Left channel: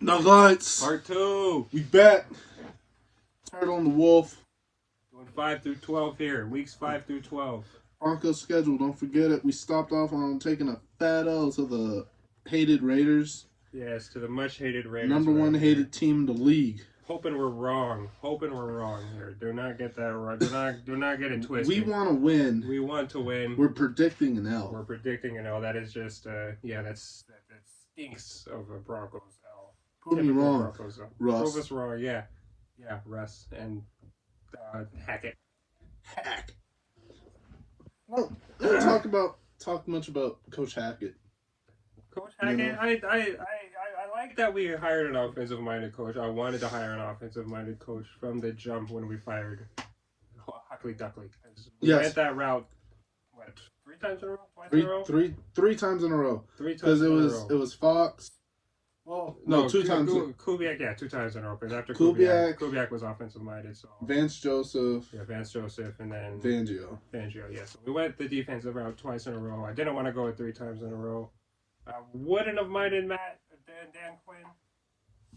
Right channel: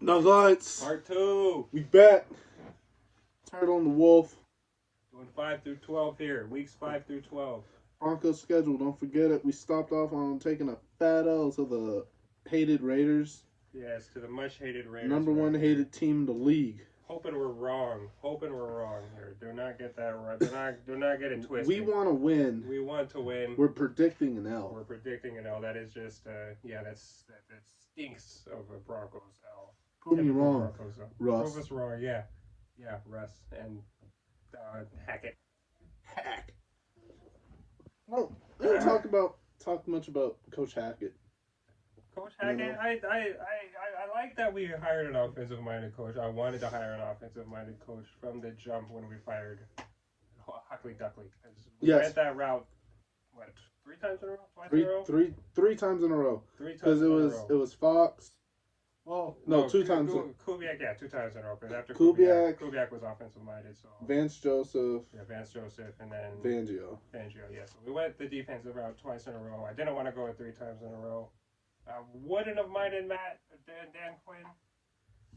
Nuggets. Part 2. We bet. Turtle and the Wolf. Doing 5 through 12 here. Weeks 5 through 12. Broncos schedule. Don't forget it. We stopped off on taking a fat L to the hated Raiders. Yes, to the much hated Raiders. Number one hated team in the league. Hoping we're wrong. Hoping we're wrong here. Do not get that right. Do not get it twisted. We want to win. We want to win. We're predicting an L. We're predicting an L. That is just that stinks of a Broncos L. Prove me wrong, Broncos, Russ. Prove us wrong. Yeah, Russ and Hackett. Hack. No, don't talk much about Coach Hackett. Coach Hackett, I like that we hired an offensive-minded coach. I wanted to hire an offensive-minded coach from the jump when we fired Huckley Duckley. We went that route. What? 3 times in a row? Twice in a row? Three times in a row. 3 times because it was Fox. Well, no, 2 times. Kubiak, 2 times in a row. Because after Kubiak was offensive-minded. So Vance Joseph. Yeah, Vance Joseph, and then Fangio. Yeah. So we went the defensive route twice in a row. I didn't want to go with 3 times in a row. I wouldn't have minded Dan Quinn,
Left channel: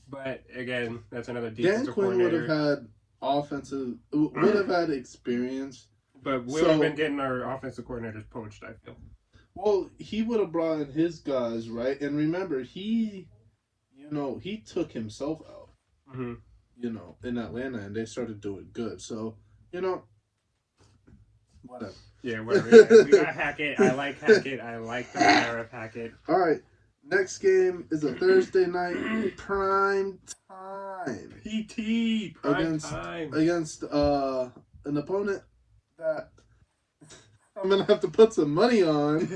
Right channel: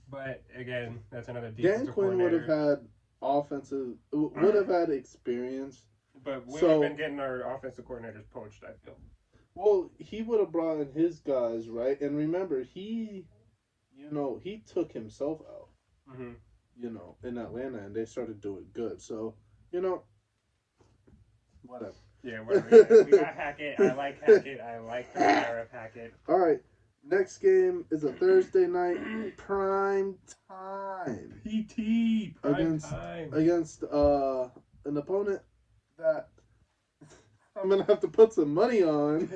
but again, that's another defensive Dan Quinn coordinator. would have had experience. But we would have been getting our offensive coordinators poached, I feel. Well, he would have brought in his guys, right? And remember, he took himself out, in Atlanta, and they started doing good. So, whatever. Yeah, whatever. We got Hackett. I like Hackett. I like the fire of Hackett. All right. Next game is a Thursday night prime time. PT prime time against an opponent that I'm gonna have to put some money on.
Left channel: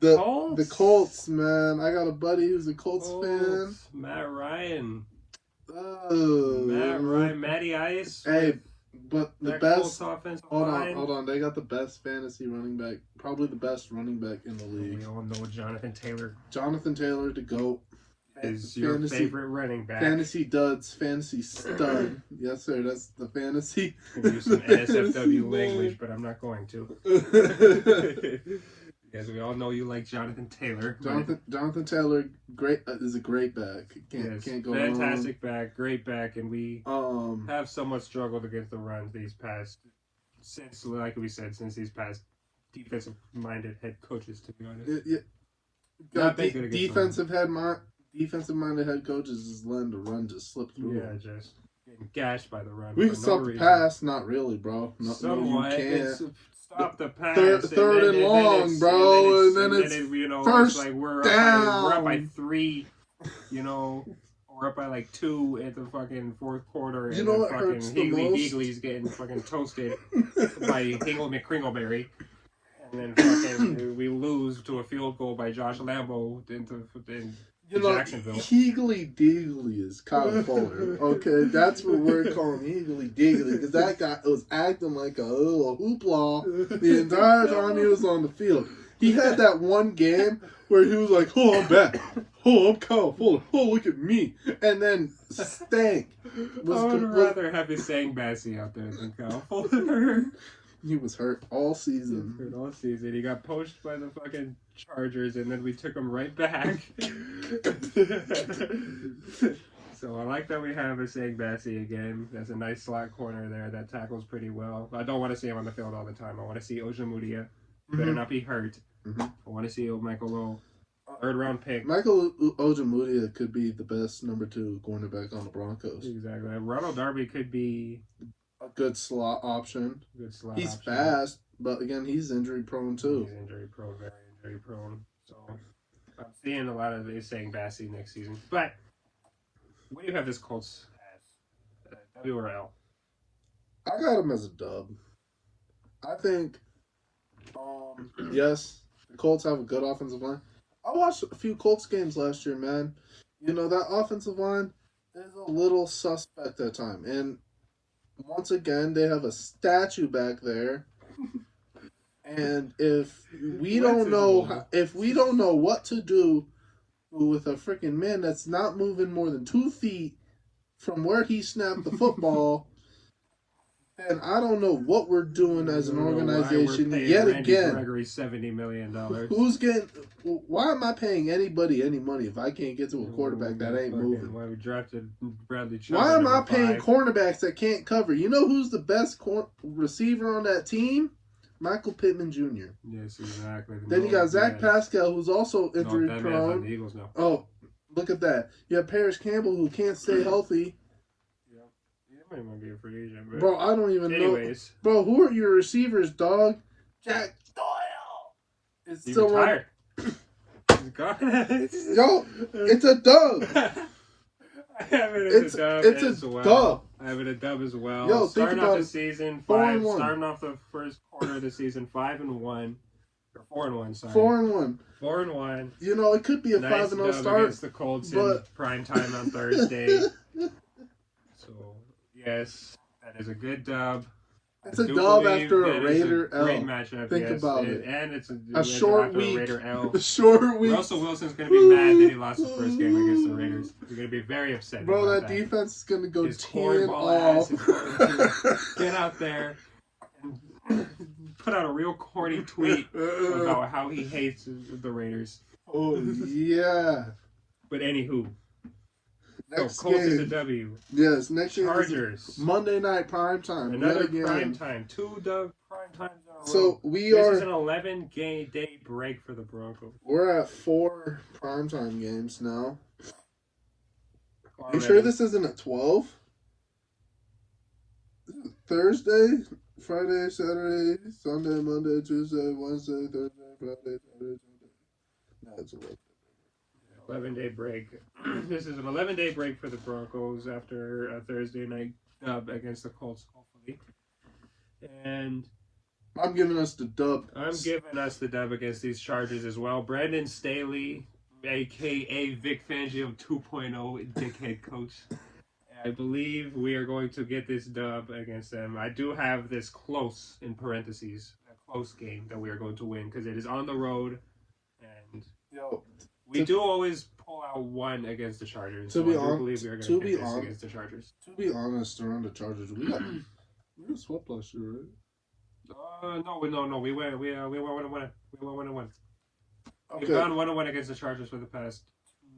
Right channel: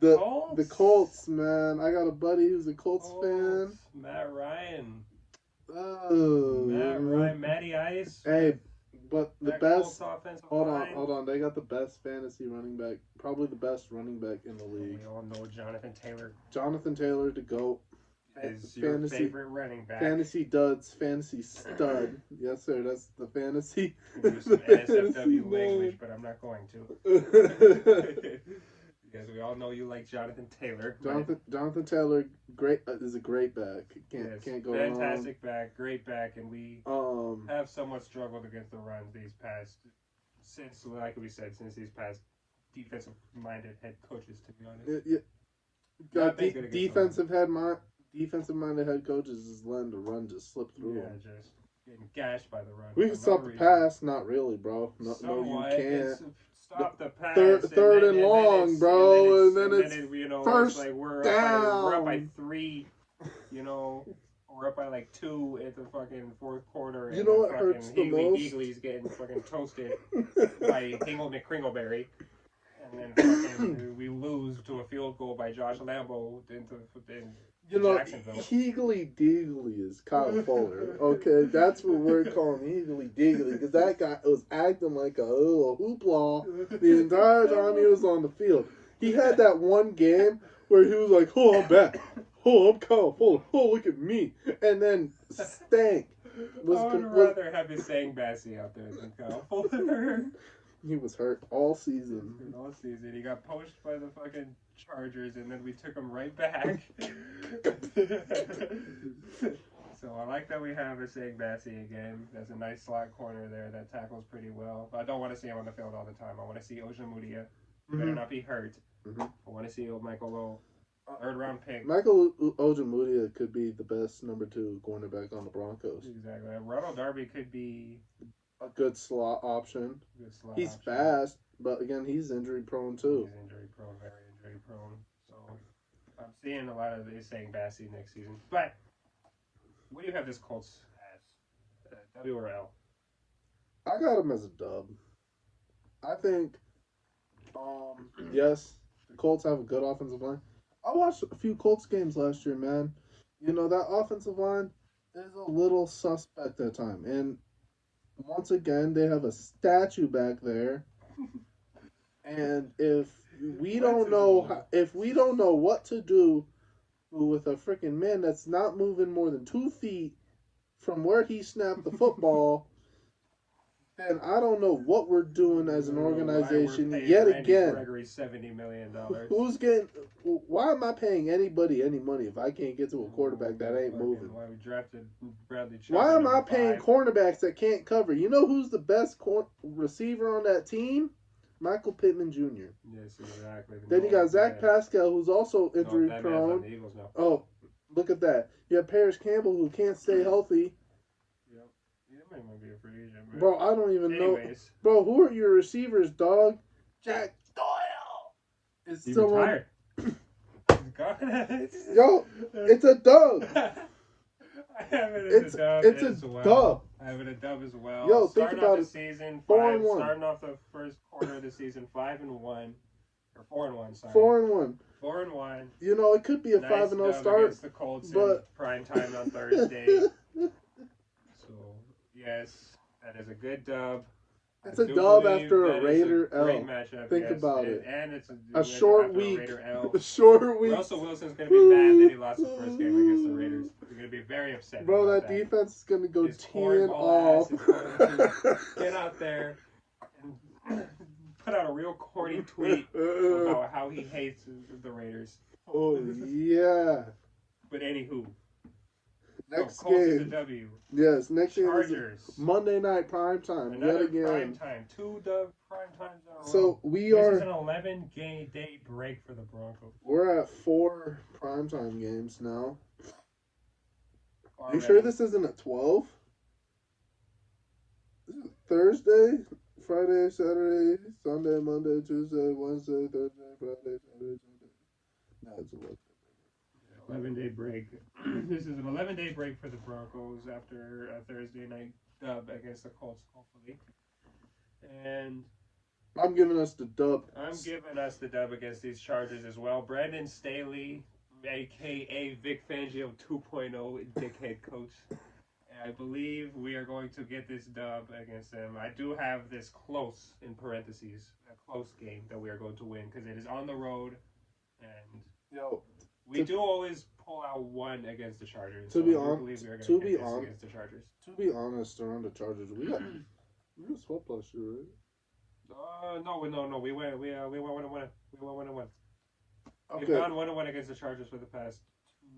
The Colts, man. I got a buddy who's a Colts fan. Matt Ryan. Oh, Matt Ryan, Matty Ice. Hey. But the best. Hold on. They got the best fantasy running back, probably the best running back in the league. We all know Jonathan Taylor. Jonathan Taylor to go. Is your favorite running back? Fantasy duds, fantasy stud. Yes, sir. That's the fantasy. I can use some NSFW language, but I'm not going to. Because we all know you like Jonathan Taylor. Jonathan Taylor, is a great back. Can't go wrong. Fantastic back, great back, and we have somewhat struggled against the runs since these past defensive-minded head coaches. To be honest, defensive-minded head coaches just letting the run just slip through. Yeah, just getting gashed by the run. We can stop the pass, not really, bro. No, you can't. Stop the pass. Third and long, bro. And then it's first like down. We're up by 3, We're up by like 2 at the fucking 4th quarter. And what hurts the most? Higgly's getting fucking toasted by Hingle McCringleberry. And then fucking we lose to a field goal by Josh Lambo into Jacksonville. Higgly Diggly is Kyle Fuller. Okay, that's what we're calling Higgly Diggly, because that guy was acting like a little hoopla the entire time he was on the field. He had that one game where he was like, "Oh, I'm back. Oh, I'm Kyle Fuller. Oh, look at me." And then stank. I would rather have his saying Bassey out there than Kyle Fuller. He was hurt all season. He got poached by the fucking Chargers, and then we took him right back. So I like that we have Saying Bassey again. That's a nice slot corner there that tackles pretty well. I don't want to see him on the field all the time. I want to see Ojemudia. Better not be hurt. I want to see Michael Lowe. 3rd round pick. Michael Ojemudia could be the best number 2 cornerback on the Broncos. Exactly. Ronald Darby could be a good slot option. He's fast, but again, he's injury prone too. He's injury prone, very injury prone. So I'm seeing a lot of these saying Bassey next season. But what do you have this Colts as? W or L? I got him as a dub. I think, yes, the Colts have a good offensive line. I watched a few Colts games last year, man. That offensive line is a little suspect at time, and once again, they have a statue back there, and if we don't know what to do with a freaking man that's not moving more than 2 feet from where he snapped the football, And I don't know what we're doing as an organization we're paying yet Randy again. Gregory $70 million. Who's getting? Why am I paying anybody any money if I can't get to a quarterback that ain't moving? Why we drafted Bradley Chubb? Why am I paying 5? cornerbacks that can't cover? You know who's the best receiver on that team? Michael Pittman Jr. Yes, exactly. Then you got Zach Pascal, who's also injury prone. On the Eagles now. Oh, look at that! You have Paris Campbell, who can't stay healthy. He might be a free agent, but bro, I don't even know. Bro, who are your receivers, dog? Jack Doyle. He's still retired. Yo, it's a dub. It's a dub. I have it a dub as well. Yo, starting think about off the season 5-1. Starting off the first quarter of the season 5-1. Or 4-1, sorry. 4-1. 4-1. You know, it could be a nice 5-0 start against the Colts in prime time on Thursday. So yes, that is a good dub. It's a dub after a Raider L. Great matchup. Think about it. And it's a short week. A Raider L. A short week. Russell Wilson's going to be mad that he lost his first game against the Raiders. He's going to be very upset. Bro, that defense is going to go 10 off. Get out there and put out a real corny tweet about how he hates the Raiders. Oh, yeah. But anywho. Next Colts game. is a W. Yes, next Chargers. Game is Monday night prime time. Another prime time. 2 prime times in a row. So this is an 11-day break for the Broncos. We're at 4 primetime games now. Are you sure this isn't at 12? Thursday, Friday, Saturday, Sunday, Monday, Tuesday, Wednesday, Thursday, Friday, Saturday, Sunday. No, it's 11. 11-day break. This is an 11-day break for the Broncos after a Thursday night dub against the Colts, hopefully. And I'm giving us the dub. I'm giving us the dub against these Chargers as well. Brandon Staley, a.k.a. Vic Fangio 2.0 dickhead coach. I believe we are going to get this dub against them. I do have this close, in parentheses, a close game that we are going to win because it is on the road. And we do always pull out one against the Chargers. To be honest, against the Chargers. To be honest, around the Chargers, we got swept last year, right? No. We went 1-1. We went 1-1. Okay. We've gone 1-1 against the Chargers for the past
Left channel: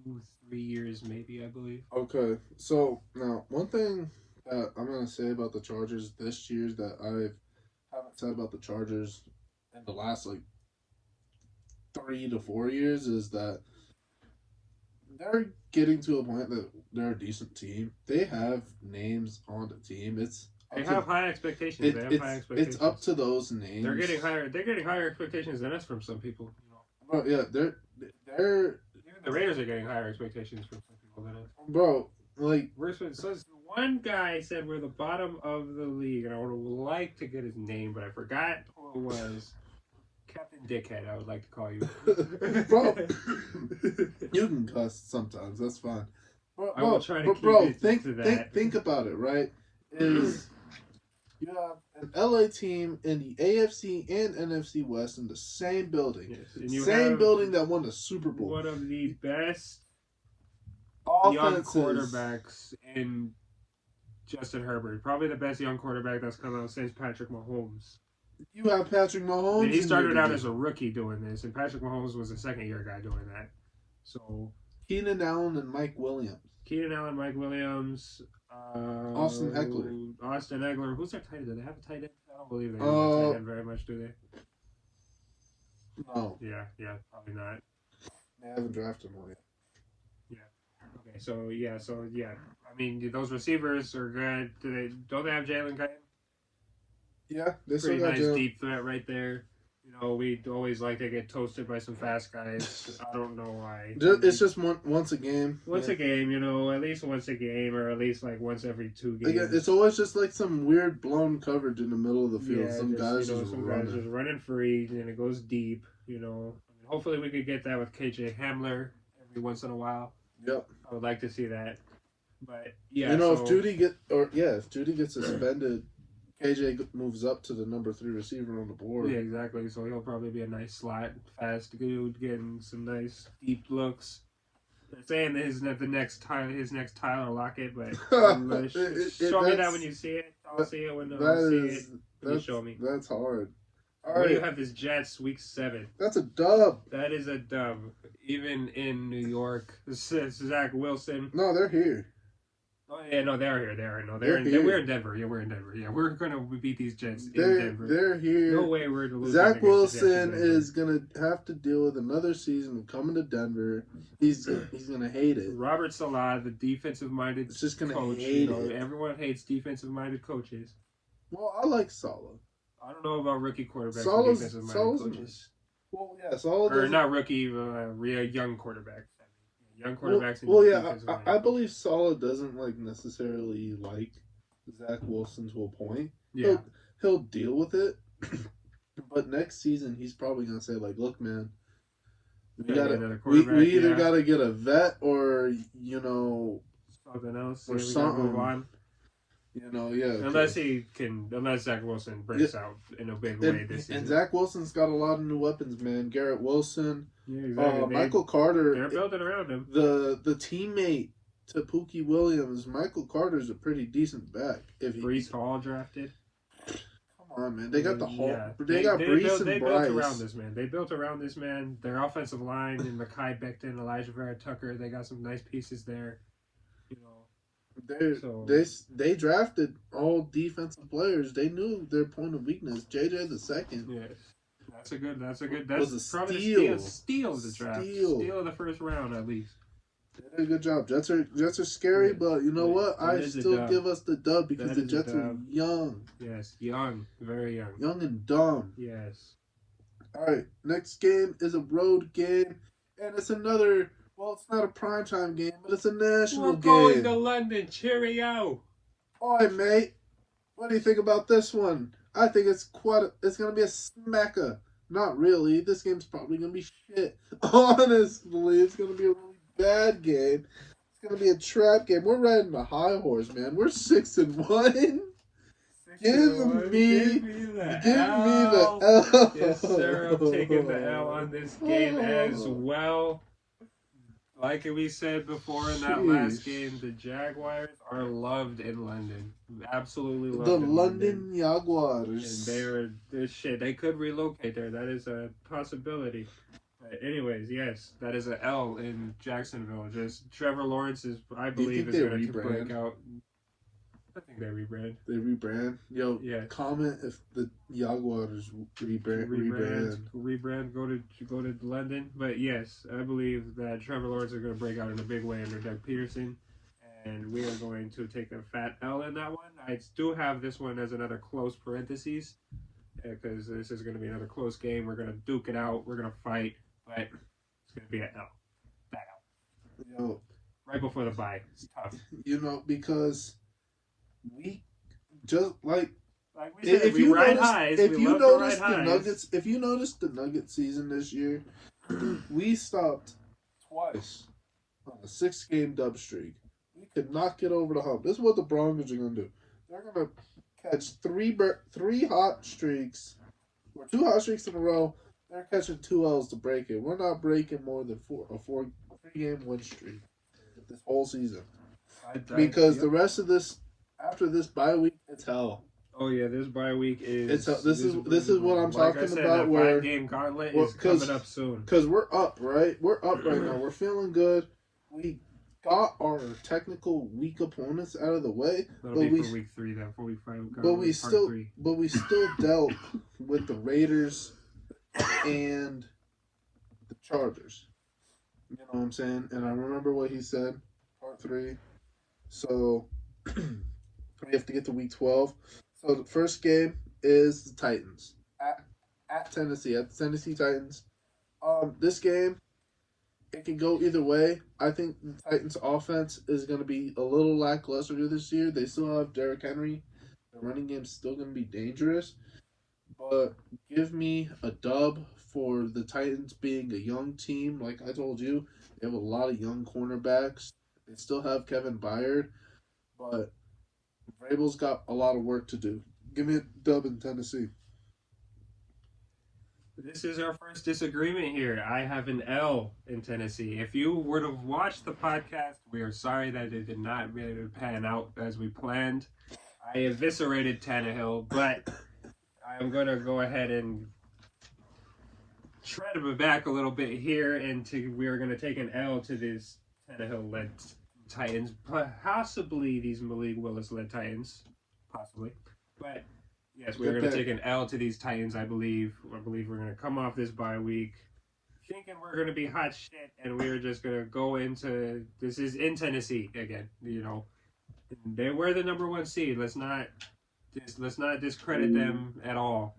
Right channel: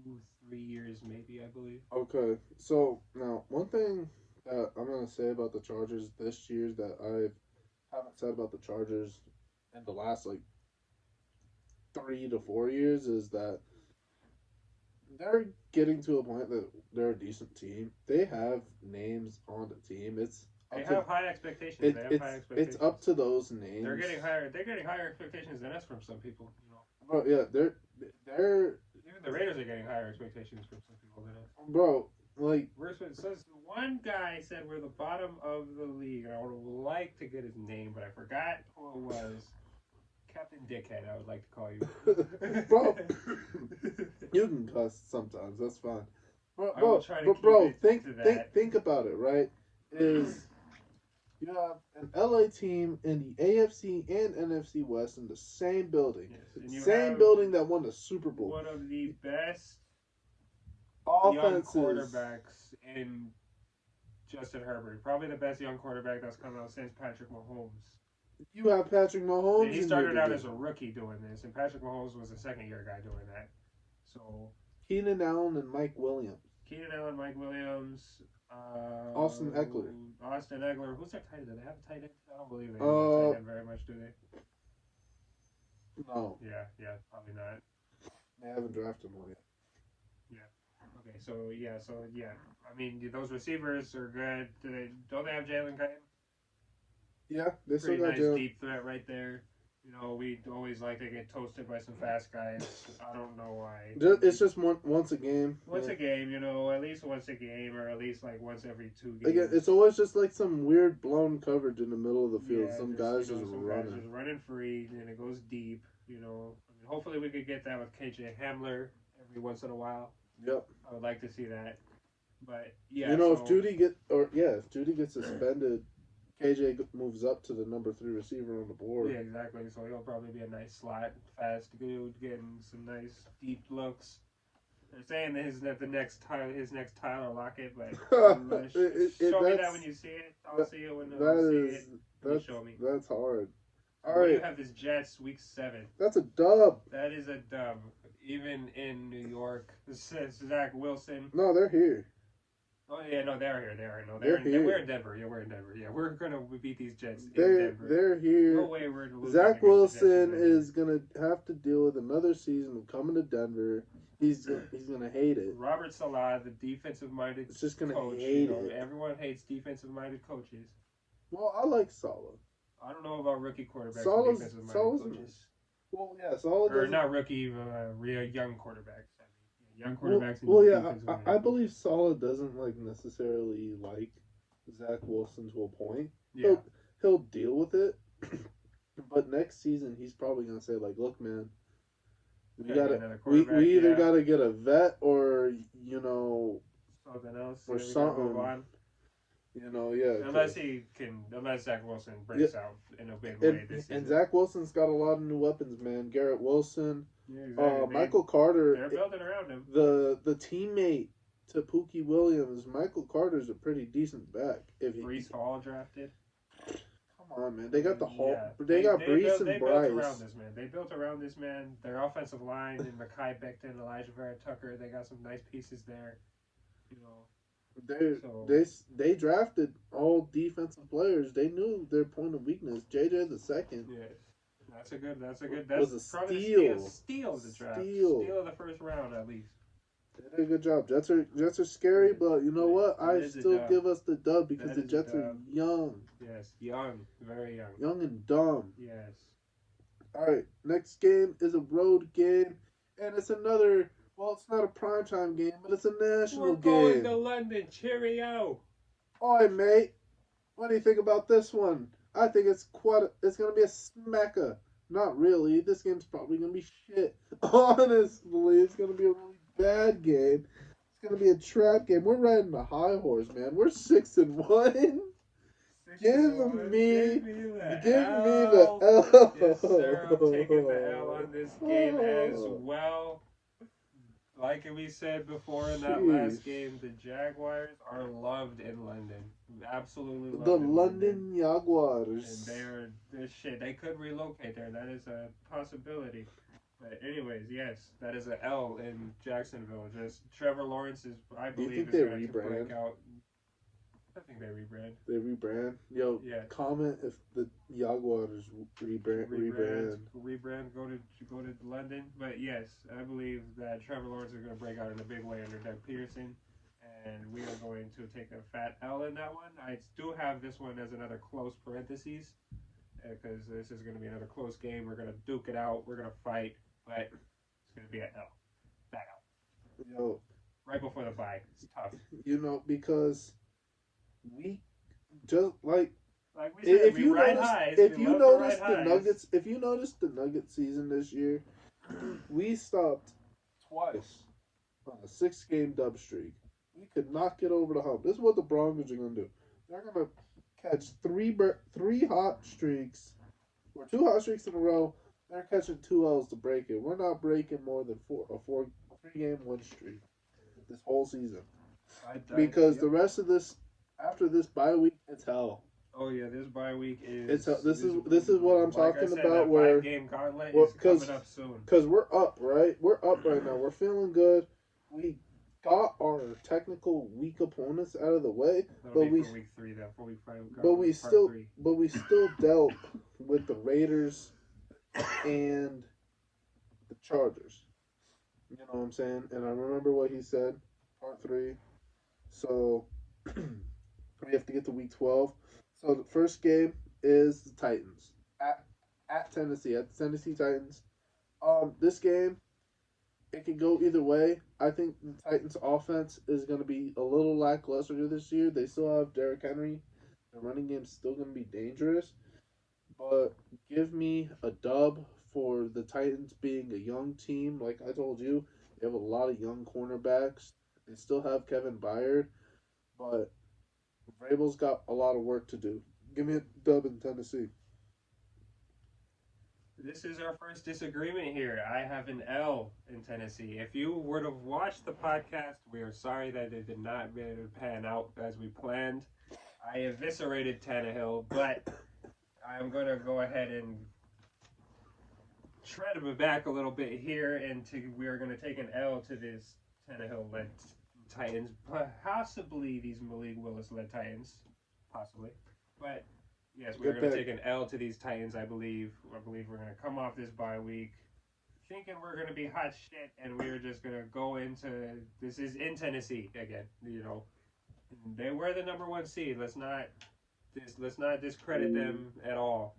2-3 years, maybe, I believe. Okay, so now one thing that I'm gonna say about the Chargers this year that I haven't said about the Chargers in the last 3 to 4 years is that they're getting to a point that they're a decent team. They have names on the team. They have high expectations. It's up to those names. They're getting higher expectations than us from some people. Oh yeah, they're even the Raiders are getting higher expectations from some people than us. Bro, so one guy said we're the bottom of the league, and I would like to get his name, but I forgot who it was. Captain Dickhead, I would like to call you. Bro, you can cuss sometimes. That's fine. I will try to keep it to that. Think about it, right? Is you have an LA team in the AFC and NFC West in the same building. Yes, same building that won the Super Bowl. One of the best young offenses. quarterbacks in Justin Herbert. Probably the best young quarterback that's come out since Patrick Mahomes. You have Patrick Mahomes. And he started out as a rookie doing this, and Patrick Mahomes was a second-year guy doing that. So Keenan Allen and Mike Williams. Austin Eckler. Who's their tight end? Do they have a tight end? I don't believe they have a tight end very much, do they? No. Yeah, probably not. They haven't drafted one yet. Yeah. Okay, so yeah. I mean, those receivers are good. Don't they have Jalen Guyton? Yeah, they pretty still got nice deep threat right there. We always like to get toasted by some fast guys. I don't know why. It's just once a game. A game, at least once a game, or at least once every 2 games. Again, it's always just some weird blown coverage in the middle of the field. Yeah, some guys just running free, and it goes deep. Hopefully we could get that with KJ Hamler every once in a while. Yep. I would like to see that. But yeah, if Judy gets suspended, KJ moves up to the number 3 receiver on the board. Yeah, exactly. So he'll probably be a nice slot, fast dude, getting some nice deep looks. They're saying that his next Tyler Lockett, but show me that when that's you see it. I'll see it when I that see it is when you show me. that's hard. All What do you right, have this Jets week 7? that's a dub. That is a dub. Even in New York, Zach Wilson. No, they're here. Oh yeah, no, they're here. They are. No, They're here. we're in Denver. Yeah, we're in Denver. Yeah, we're gonna beat these Jets in Denver. They're here. No way we're losing. Zach Wilson the is gonna have to deal with another season of coming to Denver. He's gonna hate it. Robert Salah, the defensive-minded It's just gonna coach. hate it. Everyone hates defensive-minded coaches. Well, I like Salah. I don't know about rookie quarterbacks Salah's, and defensive-minded coaches. Well, yeah, Salah or not rookie, real young quarterbacks. Young quarterbacks. Well, yeah, I believe Salah doesn't like necessarily like Zach Wilson to a point. Yeah, he'll deal with it, but next season he's probably gonna say like, "Look, man, we either gotta get a vet or something else or something." Unless Zach Wilson breaks out in a big way this season. And Zach Wilson's got a lot of new weapons, man. Garrett Wilson, exactly. Michael Carter. They're building around him. The teammate to Pookie Williams, Michael Carter's a pretty decent back. If Brees Hall drafted. Come on, man. They got the Hall. Yeah. They got Brees and Bryce. Built around this man. They built around this man. Their offensive line and Mekhi Becton, Elijah Vera Tucker. They got some nice pieces there. They drafted all defensive players. They knew their point of weakness. JJ the second. Yes. That's probably a steal of the draft. Steal of the first round at least. They did a good job. Jets are scary, but you know what? I still give us the dub because the Jets are young. Yes, young. Very young. Young and dumb. Yes. Alright, next game is a road game. And it's another, well, it's not a primetime game, but it's a national game. We're going to London. Cheerio. Alright, mate. What do you think about this one? I think it's going to be a smacker. Not really. This game's probably going to be shit. Honestly, it's going to be a really bad game. It's going to be a trap game. We're riding a high horse, man. We're 6-1. Give me the L. Yes, sir. I'm taking the L on this game as well. Like we said before in that last game, the Jaguars are loved in London. Absolutely loved. The London Jaguars. And they're shit. They could relocate there. That is a possibility. But anyways, yes, that is an L in Jacksonville. Just Trevor Lawrence I believe, is going to break out. I think they rebrand. They rebrand? Yo, yeah. Comment if the Jaguars rebrand. Go to London. But yes, I believe that Trevor Lawrence is going to break out in a big way under Doug Peterson, and we are going to take a fat L in that one. I do have this one as another close parentheses because this is going to be another close game. We're going to duke it out. We're going to fight, but it's going to be an L. Fat L. Yo, right before the bye. It's tough. Because we just like we said, if you notice the Nugget season this year, we stopped twice on a 6-game dub streak. We could not get over the hump. This is what the Broncos are going to do. They're going to catch three hot streaks or 2 hot streaks in a row. They're catching 2 L's to break it. We're not breaking more than 3-game win streak this whole season because the rest of this. After this bye week, it's hell. Oh yeah, this bye week is. This is what I'm talking about. Where 5-game gauntlet is coming up soon. Because we're up, right? We're up right now. We're feeling good. We got our technical weak opponents out of the way. That'll be for week 3, then for week 5. But we still dealt with the Raiders and the Chargers. You know what I'm saying? And I remember what he said, part 3. So. We have to get to week 12. So the first game is the Titans at Tennessee, at the Tennessee Titans. This game, it can go either way. I think the Titans' offense is going to be a little lackluster this year. They still have Derrick Henry. The running game's still going to be dangerous. But give me a dub for the Titans being a young team. Like I told you, they have a lot of young cornerbacks. They still have Kevin Byard, but Vrabel's got a lot of work to do. Give me a dub in Tennessee. This is our first disagreement here. I have an L in Tennessee. If you were to watch the podcast, we are sorry that it did not really pan out as we planned. I eviscerated Tannehill, but I'm going to go ahead and tread him back a little bit here, and we're going to take an L to this Tannehill-led Titans, possibly these Malik Willis-led Titans, possibly. But yes, we're going to take an L to these Titans. I believe we're going to come off this bye week thinking we're going to be hot shit, and we're just going to go into this is in Tennessee again. They were the number one seed. Let's not discredit them at all,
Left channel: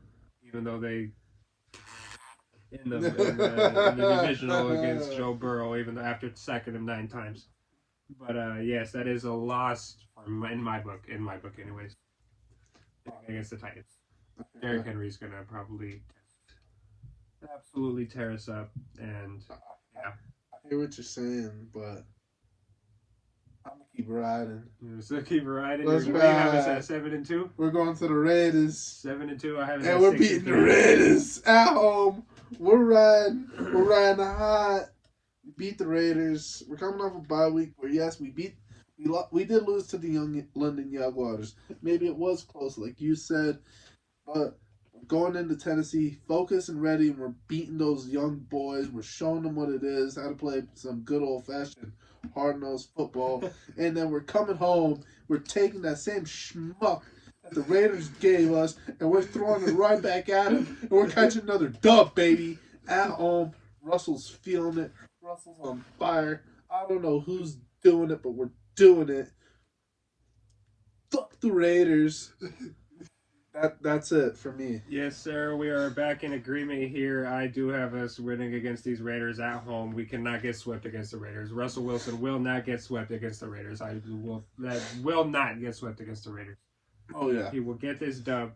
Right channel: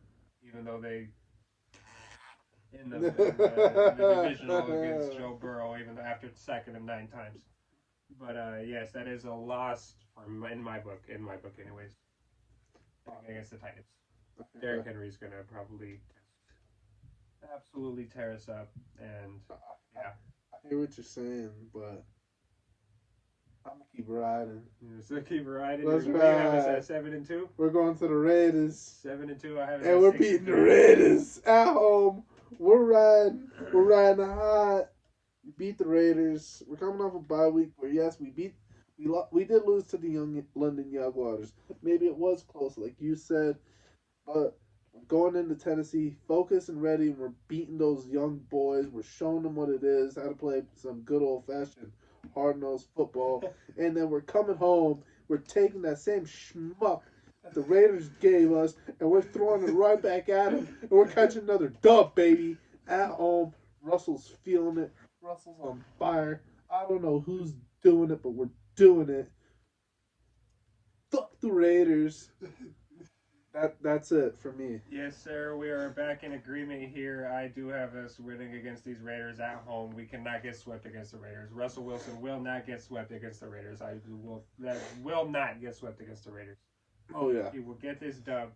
even though they in the divisional against Joe Burrow, even after second of 9 times. But yes, that is a loss in my book. In my book, anyways, against the Titans. Derrick Henry's gonna probably absolutely tear us up, and yeah. I hear what you're saying, but I'm gonna keep riding. So keep riding. Let's ride. Have us at 7-2. We're going to the Raiders. 7-2. I have us and we're beating the Raiders at home. We're riding. We're riding hot. We beat the Raiders. We're coming off a bye week where yes, we did lose to the young London Jaguars. Maybe it was close, like you said, but going into Tennessee, focused and ready, and we're beating those young boys. We're showing them what it is, how to play some good old-fashioned hard-nosed football. And then we're coming home. We're taking that same schmuck that the Raiders gave us, and we're throwing it right back at them. And we're catching another dub, baby, at home. Russell's feeling it. Russell's on fire. I don't know who's doing it, but we're doing it. Fuck the Raiders. That's it for me. Yes, sir. We are back in agreement here. I do have us winning against these Raiders at home. We cannot get swept against the Raiders. Russell Wilson will not get swept against the Raiders. That will not get swept against the Raiders. Oh yeah. He will get this dub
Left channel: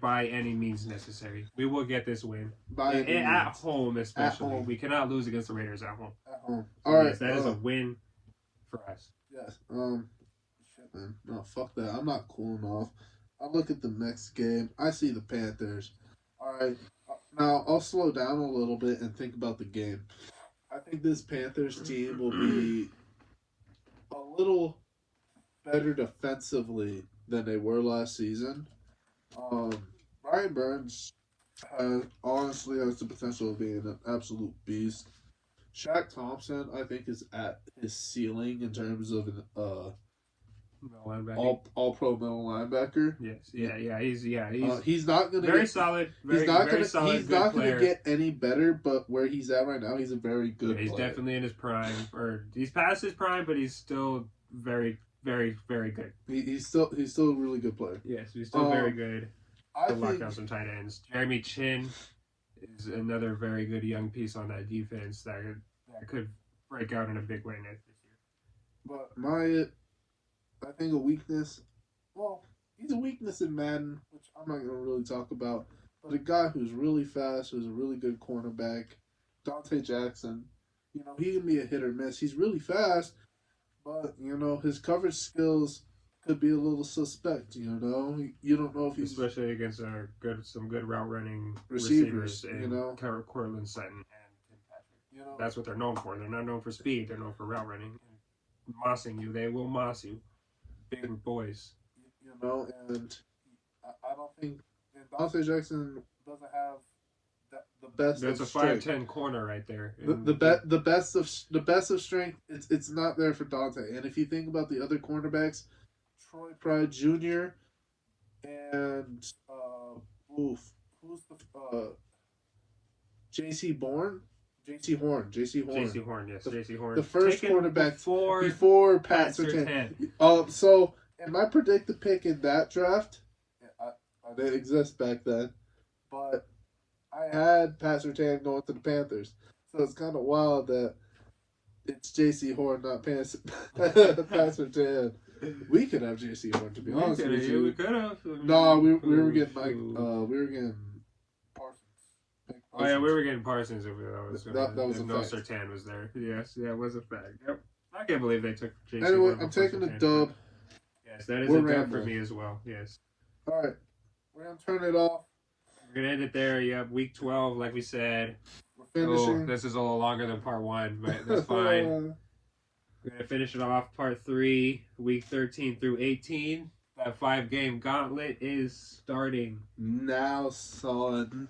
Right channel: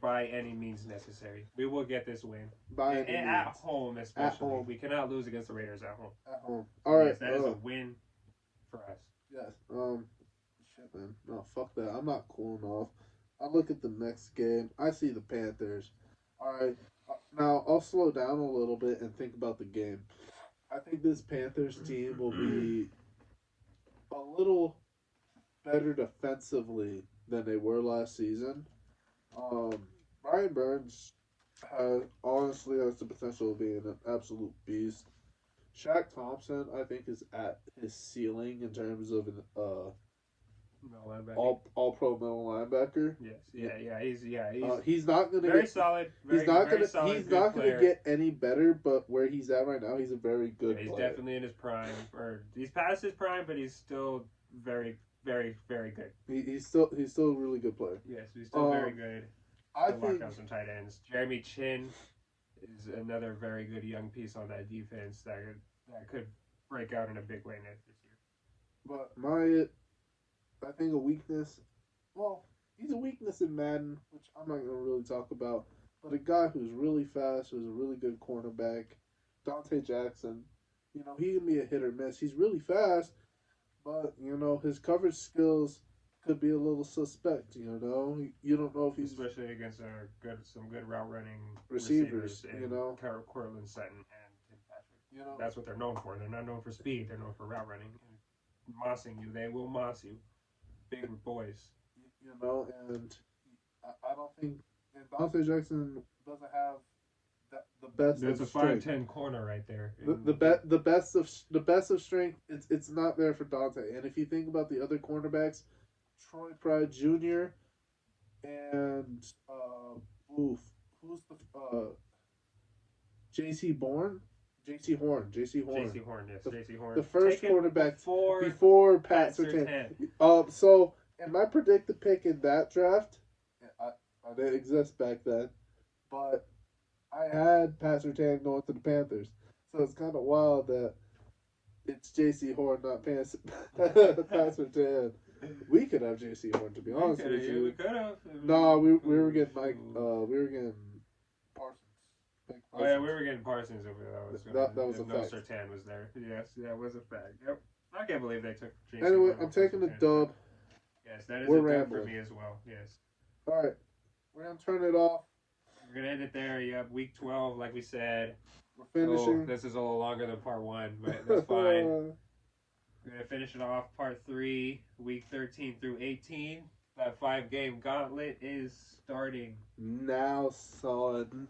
by any means necessary. We will get this win at home, especially. At home. We cannot lose against the Raiders at home. At home. All right. Yes, that is a win for us. Yes. Shit, man. No, fuck that. I'm not cooling off. I look at the next game. I see the Panthers. All right. Now, I'll slow down a little bit and think about the game. I think this Panthers team will be a little better defensively than they were last season. Brian Burns honestly has the potential of being an absolute beast. Shaq Thompson, I think, is at his ceiling in terms of an all pro middle linebacker. Yes, yeah. He's not gonna very solid. He's not gonna get any better. But where he's at right now, he's a very good. Yeah, he's player. Definitely in his prime, or he's past his prime, but he's still very, very, very good. He's still a really good player. Yes, he's still very good. I think lock down some tight ends. Jeremy Chin is another very good young piece on that defense that could break out in a big way next year. But I think a weakness. Well, he's a weakness in Madden, which I'm not going to really talk about. But a guy who's really fast, who's a really good cornerback, Dante Jackson. He can be a hit or miss. He's really fast, but his coverage skills could be a little suspect. You don't know if he's especially against some good route running receivers and Cortland Sutton and Tim Patrick. That's what they're known for. They're not known for speed. They're known for route running. Mossing you, they will moss you. Big boys, and I don't think Dante Jackson doesn't have the best. That's a 5'10" corner right there. The best of strength. It's not there for Dante. And if you think about the other cornerbacks, Troy Pride Jr. and who's the J.C. Horn. J.C. Horn, yes, J.C. Horn. The first quarterback before Pat Surtain. So, and my predicted pick in that draft, I didn't exist back then, but I had Pat Surtain going to the Panthers. So it's kind of wild that it's J.C. Horn, not Pat Surtain. We could have J.C. Horn, to be honest with you. We could have. No, we were getting Parsons. Oh yeah, we were getting Parsons if that was a no fact. Surtain was there. Yes, that was a fact. Yep. I can't believe they took J.C. Anyway, I'm taking the dub. Yes, that is a dub for me as well. Yes. All right, we're gonna turn it off. We're gonna end it there. Yep, week 12, like we said. We're finishing. This is a little longer than part 1, but that's fine. We're gonna finish it off part 3, week 13 through 18. That 5-game gauntlet is starting now, son.